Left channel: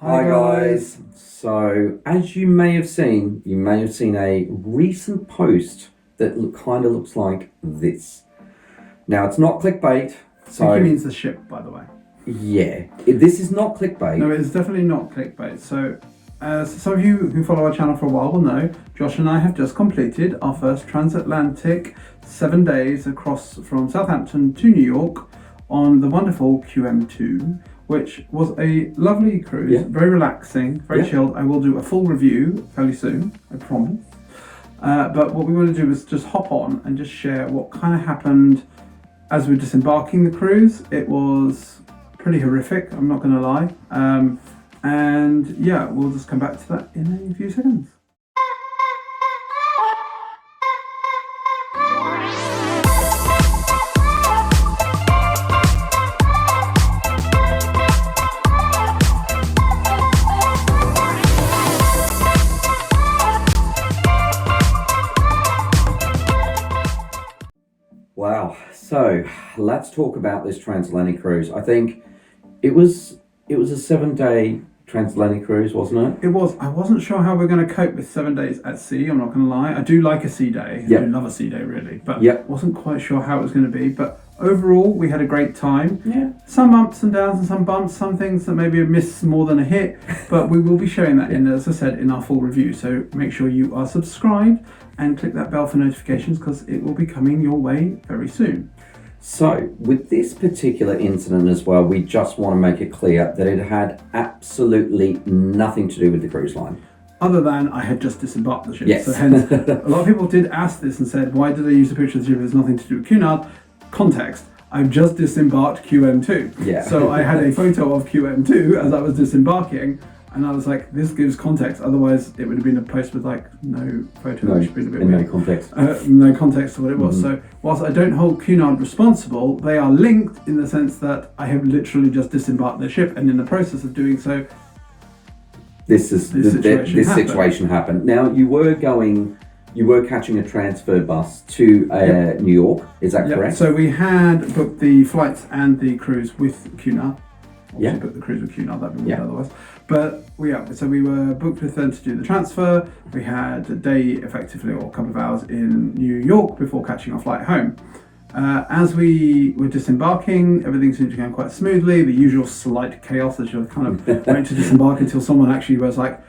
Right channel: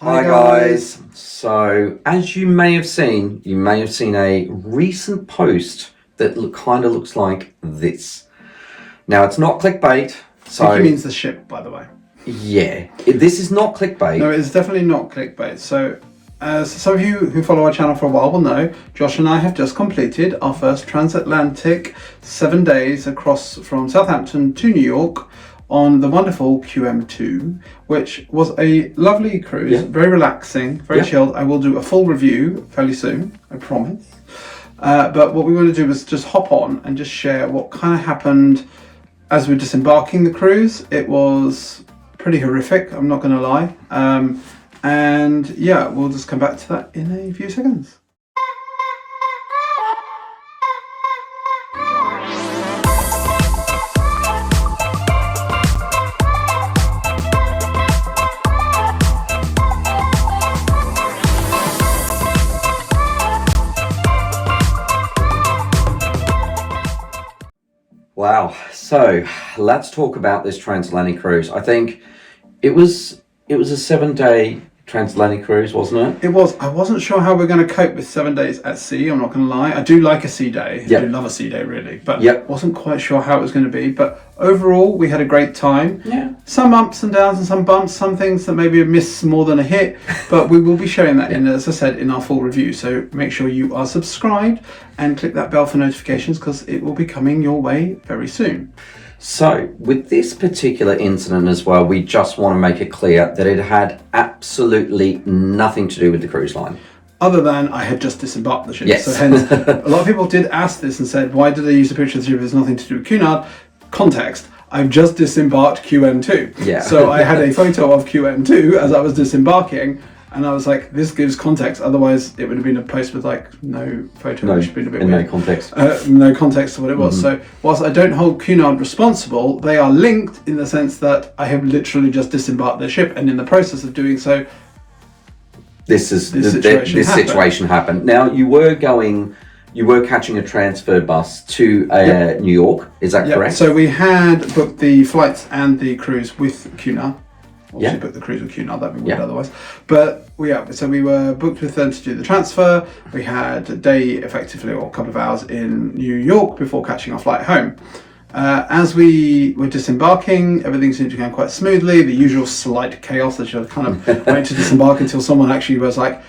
Hi guys. So, as you may have seen a recent post that kind of looks like this. Now, it's not clickbait. So, I think he means the ship, by the way. Yeah, this is not clickbait. No, it's definitely not clickbait. So, as some of you who follow our channel for a while will know, Josh and I have just completed our first transatlantic 7 days across from Southampton to New York on the wonderful QM2, which was a lovely cruise, very relaxing, very chilled. I will do a full review fairly soon, I promise. But what we want to do is just hop on and just share what kind of happened as we're disembarking the cruise. It was pretty horrific, I'm not going to lie. And yeah, we'll just come back to that in a few seconds. Wow. So let's talk about this transatlantic cruise. I think it was a 7-day transatlantic cruise, wasn't it? It was. I wasn't sure how we're going to cope with 7 days at sea. I'm not going to lie. I do like a sea day. I do love a sea day, really. But wasn't quite sure how it was going to be. But overall, we had a great time. Yeah. Some ups and downs and some bumps. Some things that maybe a miss more than a hit. But we will be sharing that in, as I said, in our full review. So make sure you are subscribed and click that bell for notifications because it will be coming your way very soon. So, with this particular incident as well, we just want to make it clear that it had absolutely nothing to do with the cruise line. Other than I had just disembarked the ship. Yes. So hence, a lot of people did ask this and said, why did they use a picture of the ship if there's nothing to do with Cunard? Context, I've just disembarked QM2. Yeah. So I had a photo of QM2 as I was disembarking, and I was like, this gives context. Otherwise, it would have been a post with like no photo. No, which would have been a bit weird. No context. No context to what it was. So whilst I don't hold Cunard responsible, they are linked in the sense that I have literally just disembarked their ship, and in the process of doing so, this situation happened. Now, you were catching a transfer bus to New York. Is that correct? So we had booked the flights and the cruise with Cunard. Obviously booked the cruise with Cunard, that'd be weird otherwise. But so we were booked with them to do the transfer. We had a day effectively, or a couple of hours in New York before catching our flight home. As we were disembarking, everything seemed to go quite smoothly. The usual slight chaos that you kind of went to disembark until someone actually was like,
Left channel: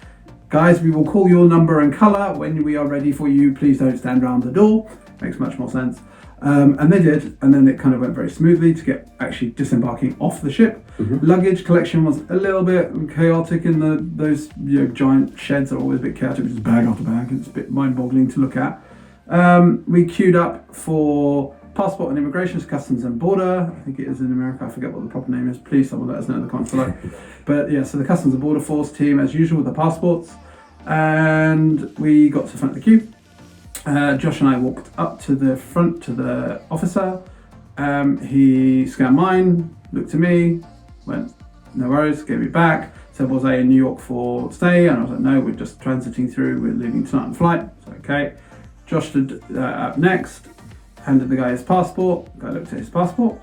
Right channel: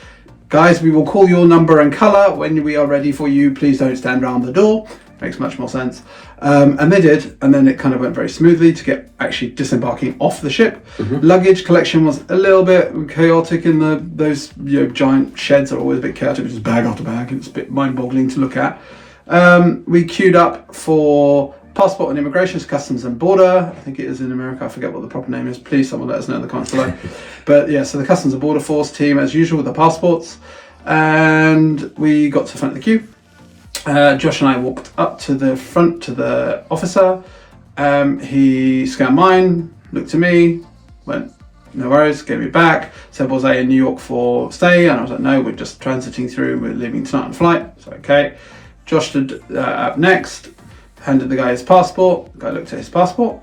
guys, we will call your number and colour when we are ready for you. Please don't stand around the door. Makes much more sense. And they did, and then it kind of went very smoothly to get actually disembarking off the ship. Luggage collection was a little bit chaotic in those giant sheds are always a bit chaotic, which is bag after bag. It's a bit mind-boggling to look at. We queued up for passport and immigration, customs and border. I think it is in America. I forget what the proper name is. Please, someone let us know in the comments below. But yeah, so the customs and border force team, as usual, with the passports, and we got to the front of the queue. Josh and I walked up to the front to the officer. He scanned mine, looked at me, went, no worries, gave me back, said, was I in New York for stay? And I was like, no, we're just transiting through, we're leaving tonight on flight. So, okay. Josh stood up next, handed the guy his passport. The guy looked at his passport,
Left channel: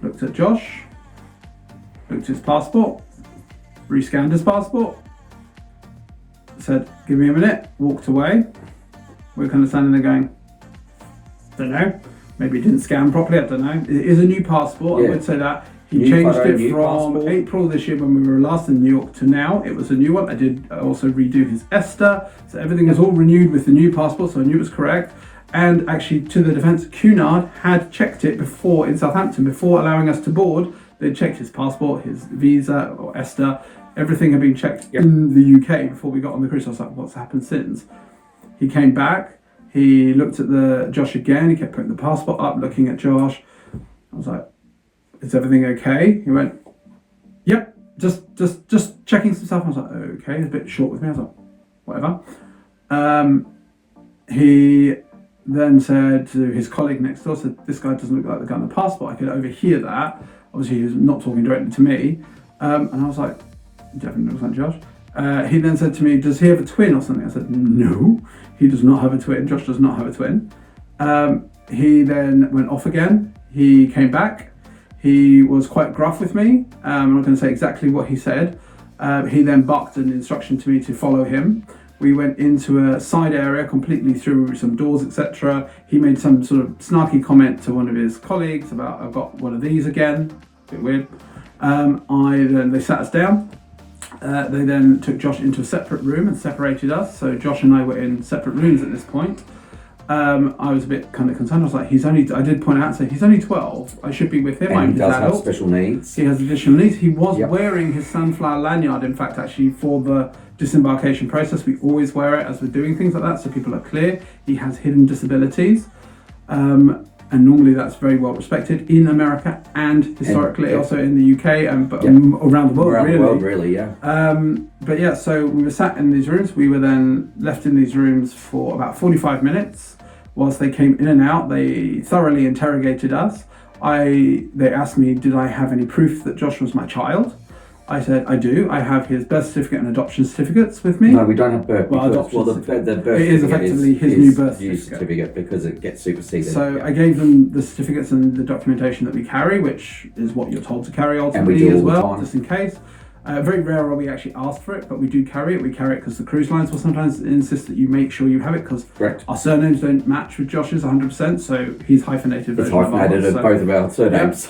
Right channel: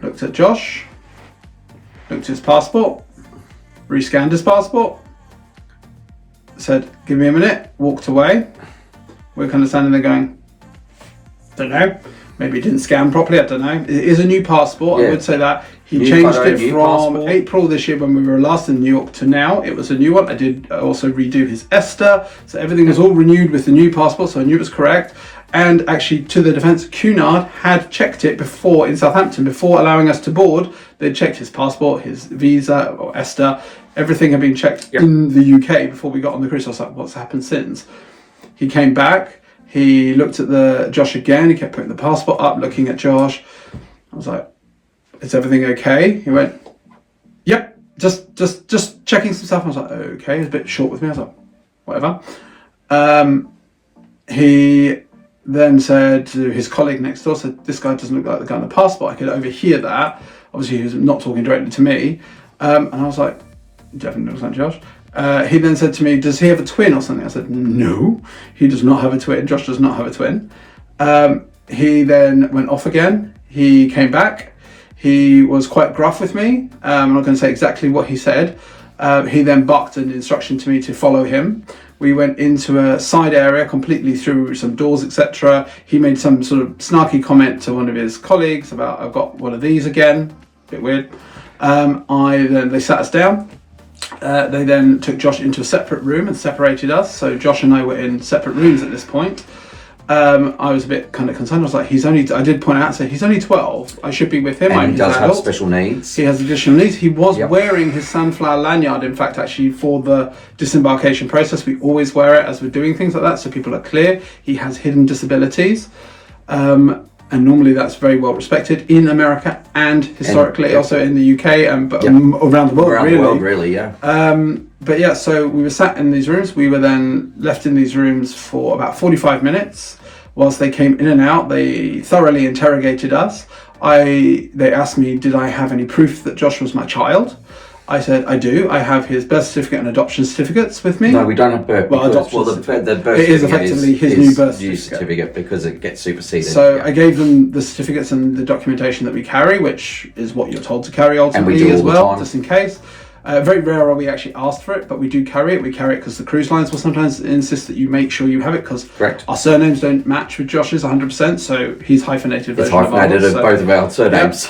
looked at Josh, looked at his passport, rescanned his passport, said, give me a minute, walked away. We're kind of standing there going, don't know, maybe it didn't scan properly, I don't know. It is a new passport, I would say that. He changed it from April this year when we were last in New York to now. It was a new one. I did also redo his ESTA, so everything was all renewed with the new passport, so I knew it was correct. And actually, to the defense, Cunard had checked it before in Southampton, before allowing us to board. They'd checked his passport, his visa, or ESTA. Everything had been checked in the UK before we got on the cruise. I was like, what's happened since? He came back, he looked at Josh again, he kept putting the passport up, looking at Josh. I was like, is everything okay? He went, yep, just checking some stuff. I was like, okay, he was a bit short with me. I was like, whatever. He then said to his colleague next door, said, this guy doesn't look like the guy on the passport. I could overhear that. Obviously, he was not talking directly to me. And I was like, definitely looks like Josh. He then said to me, does he have a twin or something? I said, no, he does not have a twin. Josh does not have a twin. He then went off again. He came back. He was quite gruff with me. I'm not going to say exactly what he said, He then barked an instruction to me to follow him. We went into a side area completely through some doors, etc. He made some sort of snarky comment to one of his colleagues about, I've got one of these again. Bit weird. They sat us down. They then took Josh into a separate room and separated us. So Josh and I were in separate rooms at this point. I was a bit kind of concerned. I was like, I did point out, so he's only 12. I should be with him. And he does have special needs. He has additional needs. He was wearing his sunflower lanyard, in fact, actually, for the disembarkation process. We always wear it as we're doing things like that, so people are clear. He has hidden disabilities. And normally that's very well respected in America and historically also in the UK and around the world, But yeah, so we were sat in these rooms. We were then left in these rooms for about 45 minutes whilst they came in and out. They thoroughly interrogated us. They asked me, did I have any proof that Josh was my child? I said, I do. I have his birth certificate and adoption certificates with me. No, we don't have birth. Adoption the birth it is effectively his new birth certificate because it gets superseded. So I gave them the certificates and the documentation that we carry, which is what you're told to carry ultimately as well, just in case. Very rare are we actually asked for it, but we do carry it. We carry it because the cruise lines will sometimes insist that you make sure you have it because our surnames don't match with Josh's 100%. So he's hyphenated version of ours. Both of our surnames.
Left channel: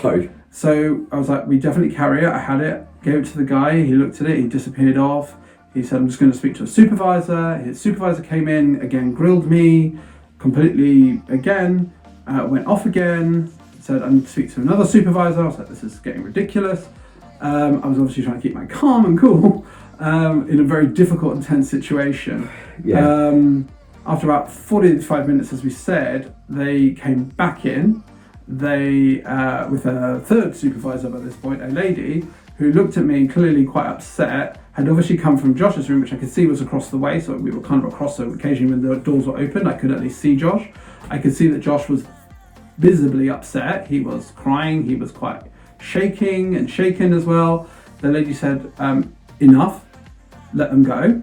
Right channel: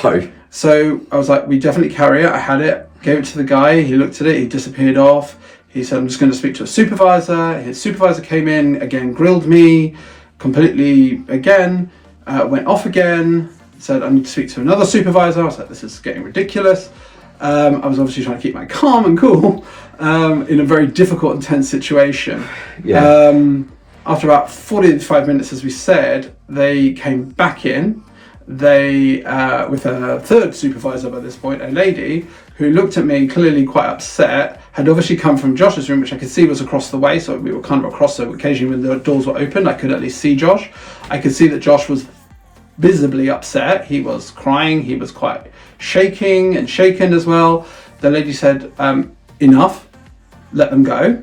So I was like, we definitely carry it. I had it, gave it to the guy. He looked at it. He disappeared off. He said, I'm just going to speak to a supervisor. His supervisor came in, again, grilled me completely again, went off again, said, I need to speak to another supervisor. I was like, this is getting ridiculous. I was obviously trying to keep my calm and cool in a very difficult and tense situation. After about 45 minutes, as we said, they came back in. They, with a third supervisor by this point, a lady, who looked at me clearly quite upset, had obviously come from Josh's room, which I could see was across the way, so we were kind of across, so occasionally when the doors were open, I could at least see Josh. I could see that Josh was visibly upset. He was crying, he was quite shaking and shaken as well. The lady said, enough, let them go.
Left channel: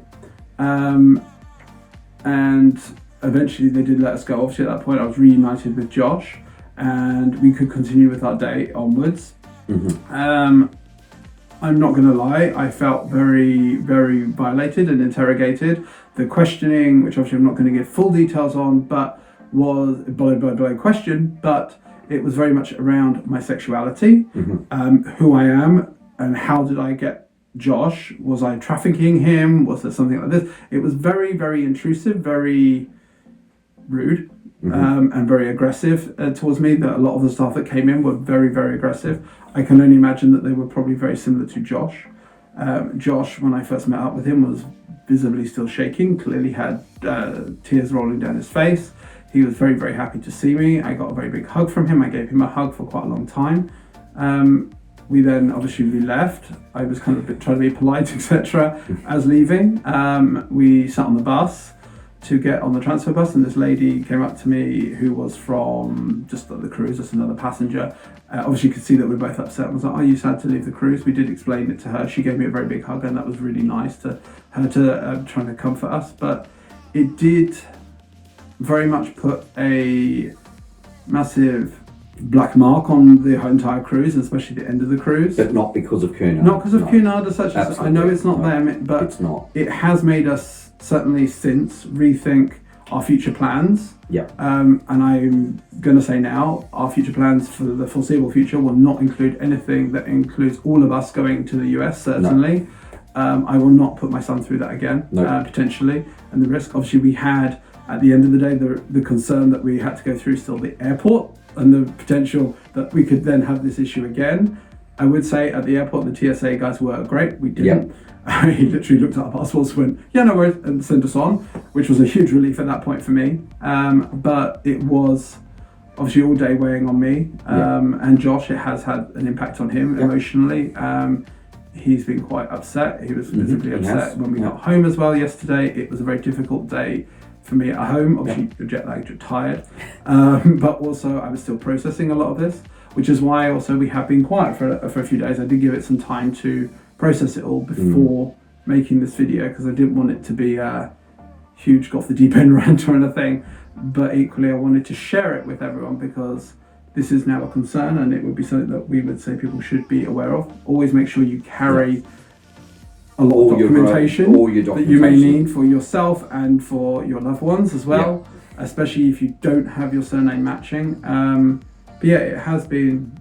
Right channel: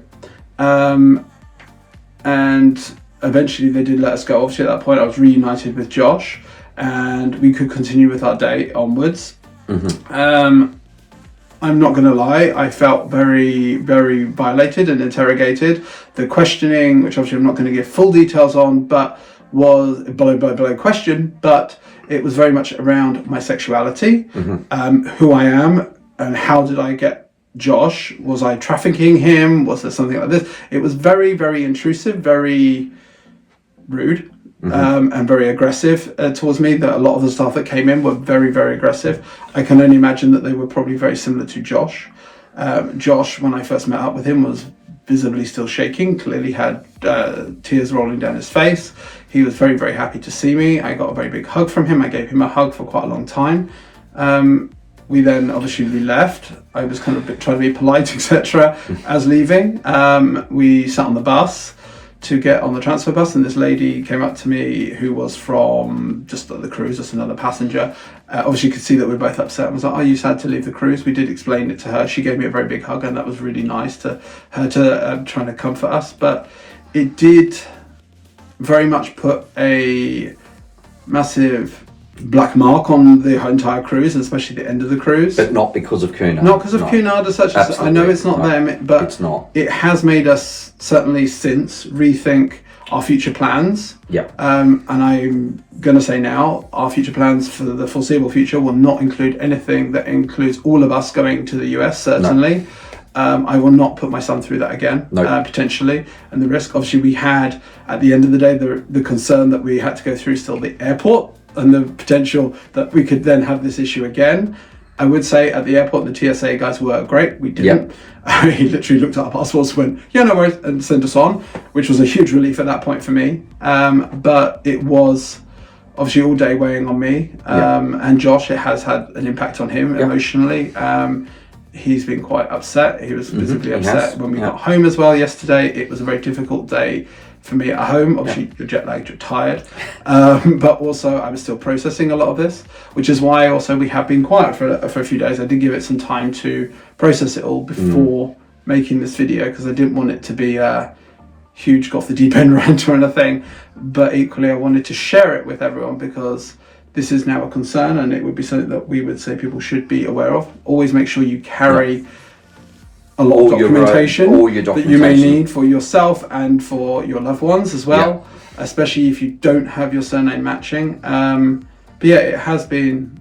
And eventually they did let us go. Obviously at that point I was reunited with Josh and we could continue with our day onwards. I'm not going to lie, I felt very, very violated and interrogated. The questioning, which obviously I'm not going to give full details on, but was below question, but it was very much around my sexuality, who I am, and how did I get Josh? Was I trafficking him? Was there something like this? It was very, very intrusive, very rude, and very aggressive towards me. That a lot of the staff that came in were very, very aggressive. I can only imagine that they were probably very similar to Josh. Josh, when I first met up with him, was visibly still shaking, clearly had tears rolling down his face. He was very, very happy to see me. I got a very big hug from him. I gave him a hug for quite a long time. We then obviously left. I was kind of trying to be polite, etc. As leaving. We sat on the bus to get on the transfer bus, and this lady came up to me who was from just the cruise, just another passenger. Obviously you could see that we were both upset. I was like, are you sad to leave the cruise? We did explain it to her. She gave me a very big hug, and that was really nice to her to trying to comfort us. But it did very much put a massive black mark on the entire cruise, and especially the end of the cruise. But not because of Cunard. Not because of Cunard as such. I know it's not them, but it's not. It has made us certainly since rethink our future plans. And I'm going to say now, our future plans for the foreseeable future will not include anything that includes all of us going to the US, certainly. I will not put my son through that again, potentially. And the risk, obviously, we had, at the end of the day, the concern that we had to go through still the airport and the potential that we could then have this issue again. I would say at the airport, the TSA guys were great. We didn't. He literally looked at our passports, went, yeah, no worries, and sent us on, which was a huge relief at that point for me. But it was obviously all day weighing on me. And Josh, it has had an impact on him emotionally. He's been quite upset. He was visibly upset when we got home as well yesterday. It was a very difficult day for me at home. Obviously, you're jet lagged, you're tired. But also, I was still processing a lot of this, which is why also we have been quiet for a few days. I did give it some time to process it all before making this video, because I didn't want it to be a huge go off the deep end rant or anything. But equally, I wanted to share it with everyone because this is now a concern, and it would be something that we would say people should be aware of. Always make sure you carry a lot of All your documentation, all your that you may documentation. need for yourself and for your loved ones as well, especially if you don't have your surname matching. But yeah, it has been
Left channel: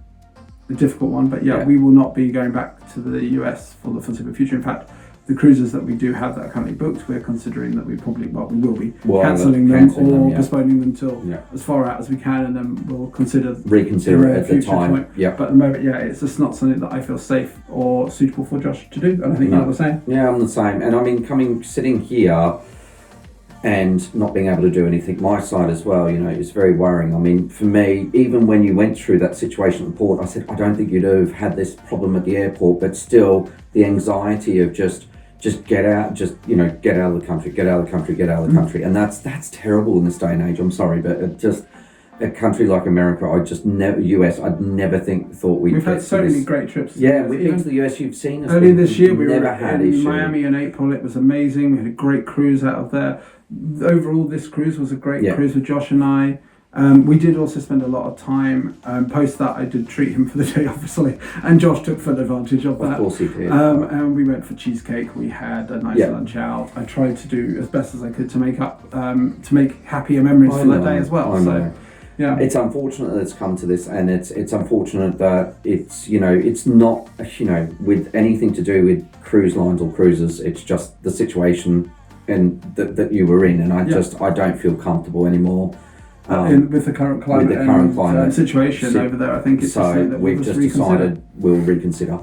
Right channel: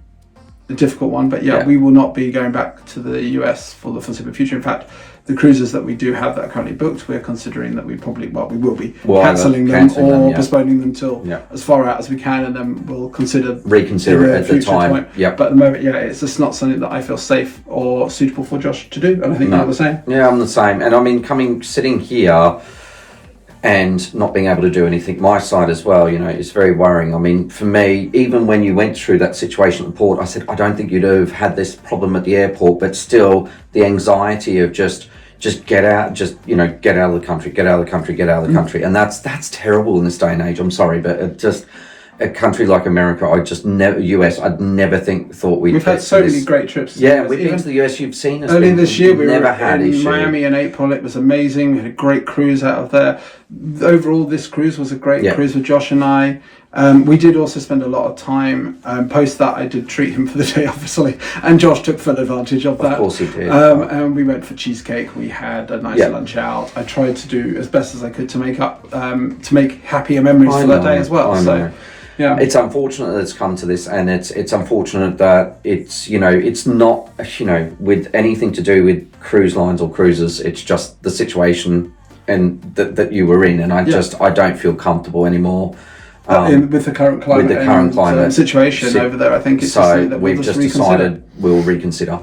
a difficult one, but we will not be going back to the US for the foreseeable future. In fact, the cruises that we do have that are currently booked, we're considering that we will be cancelling them or postponing them till as far out as we can, and then we'll reconsider it at the time. But at the moment, it's just not something that I feel safe or suitable for Josh to do. And I think you're the same. Yeah, I'm the same. And I mean, sitting here and not being able to do anything my side as well, it's very worrying. I mean, for me, even when you went through that situation at the port, I said, I don't think you'd have had this problem at the airport, but still the anxiety of just get out, get out of the country, and that's terrible in this day and age. I'm sorry, but just a country like America, I'd never thought we've had so many great trips. Yeah, we've been to the US. You've seen us earlier this year. We were in Miami in April. It was amazing. We had a great cruise out of there. Overall, this cruise was a great cruise with Josh and I. We did also spend a lot of time post that. I did treat him for the day, obviously, and Josh took full advantage of that. Of course he did. And we went for cheesecake. We had a nice lunch out. I tried to do as best as I could to make happier memories for that day as well. Yeah, it's unfortunate that it's come to this, and it's unfortunate that it's not with anything to do with cruise lines or cruises. It's just the situation and that you were in, and I don't feel comfortable anymore. With the current climate, situation over there, I think it's something that we've just decided we'll reconsider.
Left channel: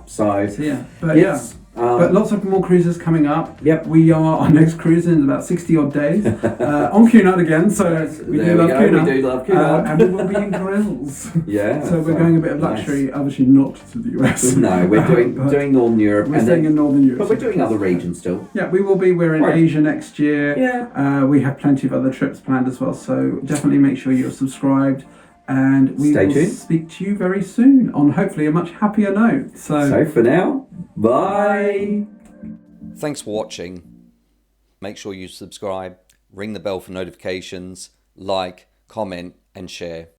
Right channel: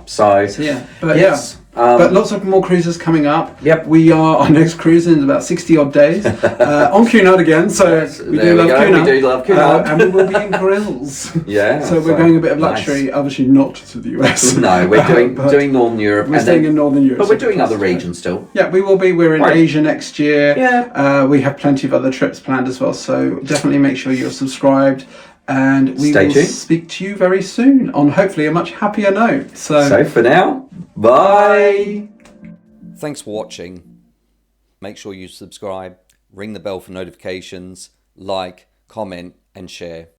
But lots of more cruises coming up. Yep. We are our next cruise in about 60 odd days on Cunard again. So we do love Cunard. And we will be in grills. Yeah. So we're going a bit of luxury, obviously not to the US. No, we're doing Northern Europe. We're staying in Northern Europe. But we're doing other regions still. Yeah, we will be. We're in Asia next year. Yeah. We have plenty of other trips planned as well. So definitely make sure you're subscribed. And we will speak to you very soon on hopefully a much happier note. So for now, bye. Thanks for watching. Make sure you subscribe, ring the bell for notifications, like, comment and share.